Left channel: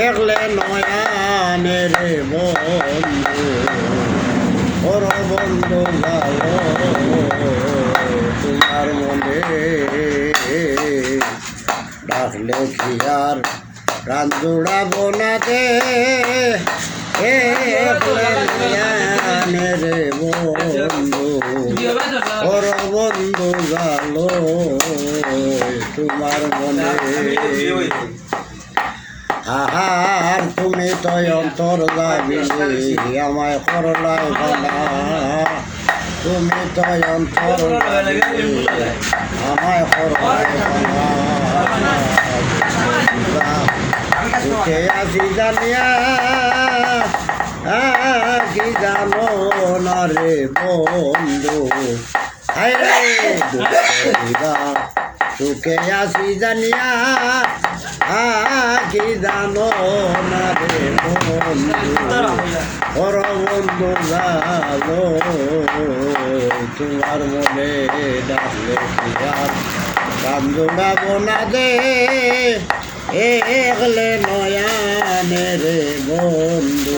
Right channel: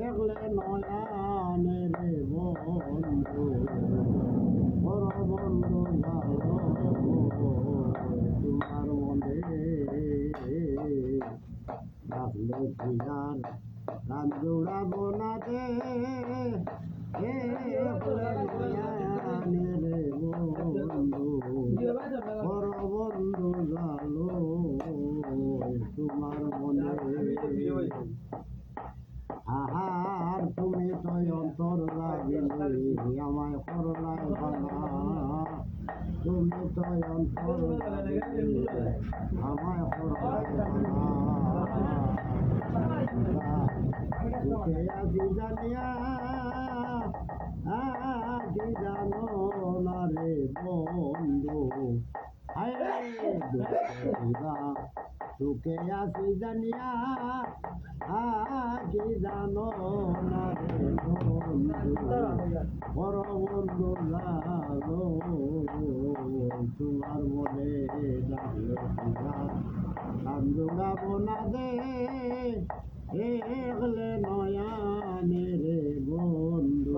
একলে নয়ানে রে বন্ধু ওর বন্ধু ভালো তোমার মনে ডাকলে কি আর প্রাণ জোড়াবো না দে একলে নয়ানে রে বন্ধু ওর বন্ধু ভালো তোমার মনে আহার তুমি তো অন্তর যাবিনি আমায় করলাই ভালা তুমি তো অন্তর যাবিনি আমায় করলাই ভালা সুখে আছি জানিয়া কি জানো না রে বন্ধু হায় রে সুখে আছি জানিয়া কি জানো না রে বন্ধু ওর বন্ধু জানো তোমার মনে ডাকলে কি আর কান জোড়াবো না দে একলে নয়ানে রে বন্ধু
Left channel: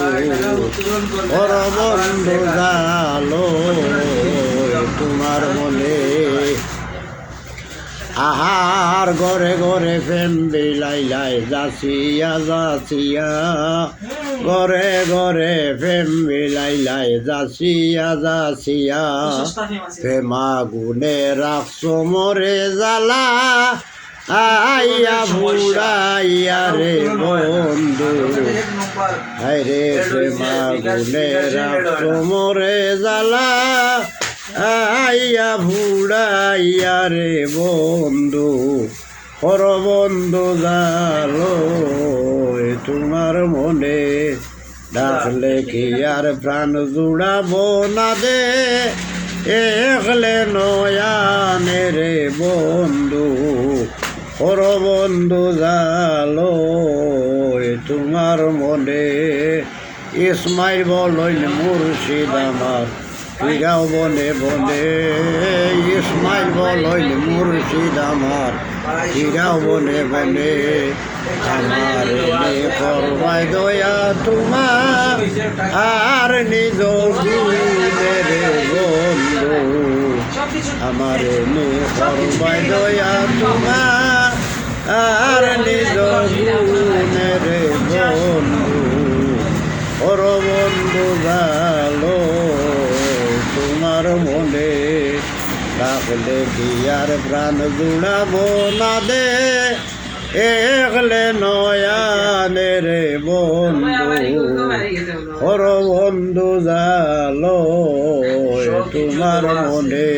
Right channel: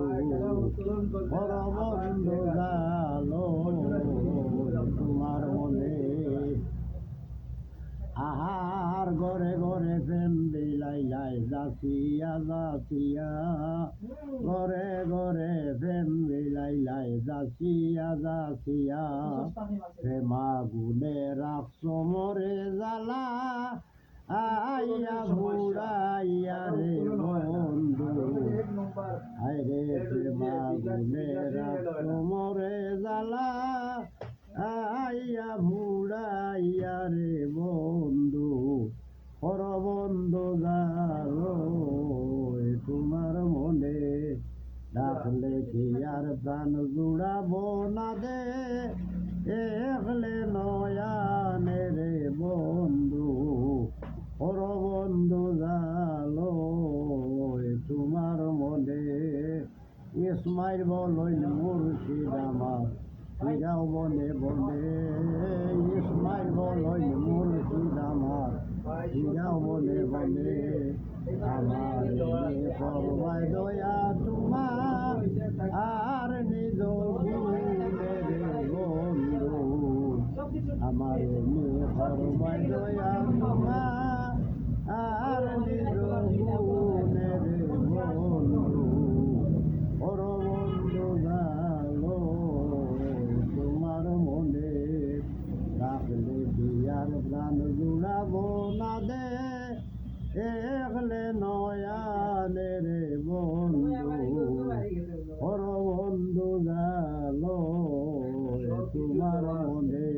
ওর বন্ধু জানো তোমার মনে আহার ঘরে ঘরে প্রেম বিলাইলাই যাচিয়া যাচিয়া ঘরে ঘরে প্রেম বিলাইলাই যাচিয়া যাচিয়া প্রেমা গুনে রাখছো মরে জ্বালা আইয়া বুড়াইয়া রে বন্ধু হায়রে প্রেমা গুনে রাখছো মরে জ্বালা আইয়া ভুড়াইয়া রে বন্ধু পর বন্ধু জালো তোমার মনে ডাকলে কি আর প্রাণ জুড়াবো না দে একলে নয়ানে রে বন্ধু পর বন্ধু জালো তোমার মনে ইসমাইল বলইন মুর্শিদ আমার ফিরাও বনে বনে ইসমাইল বলইন মুর্শিদ আমার ফিরাও বনে বনে আমার করবাই দয়া তোমার আর নিজ রে বন্ধু আমার করবাই দয়া তোমার আর নিজ রে বন্ধু ওর বন্ধু ভালো তোমার মনে ডাকলে কি আর প্রাণ জুড়াবো না দে একলে নয়ানে রে বন্ধু ওর বন্ধু জালো তোমার মনে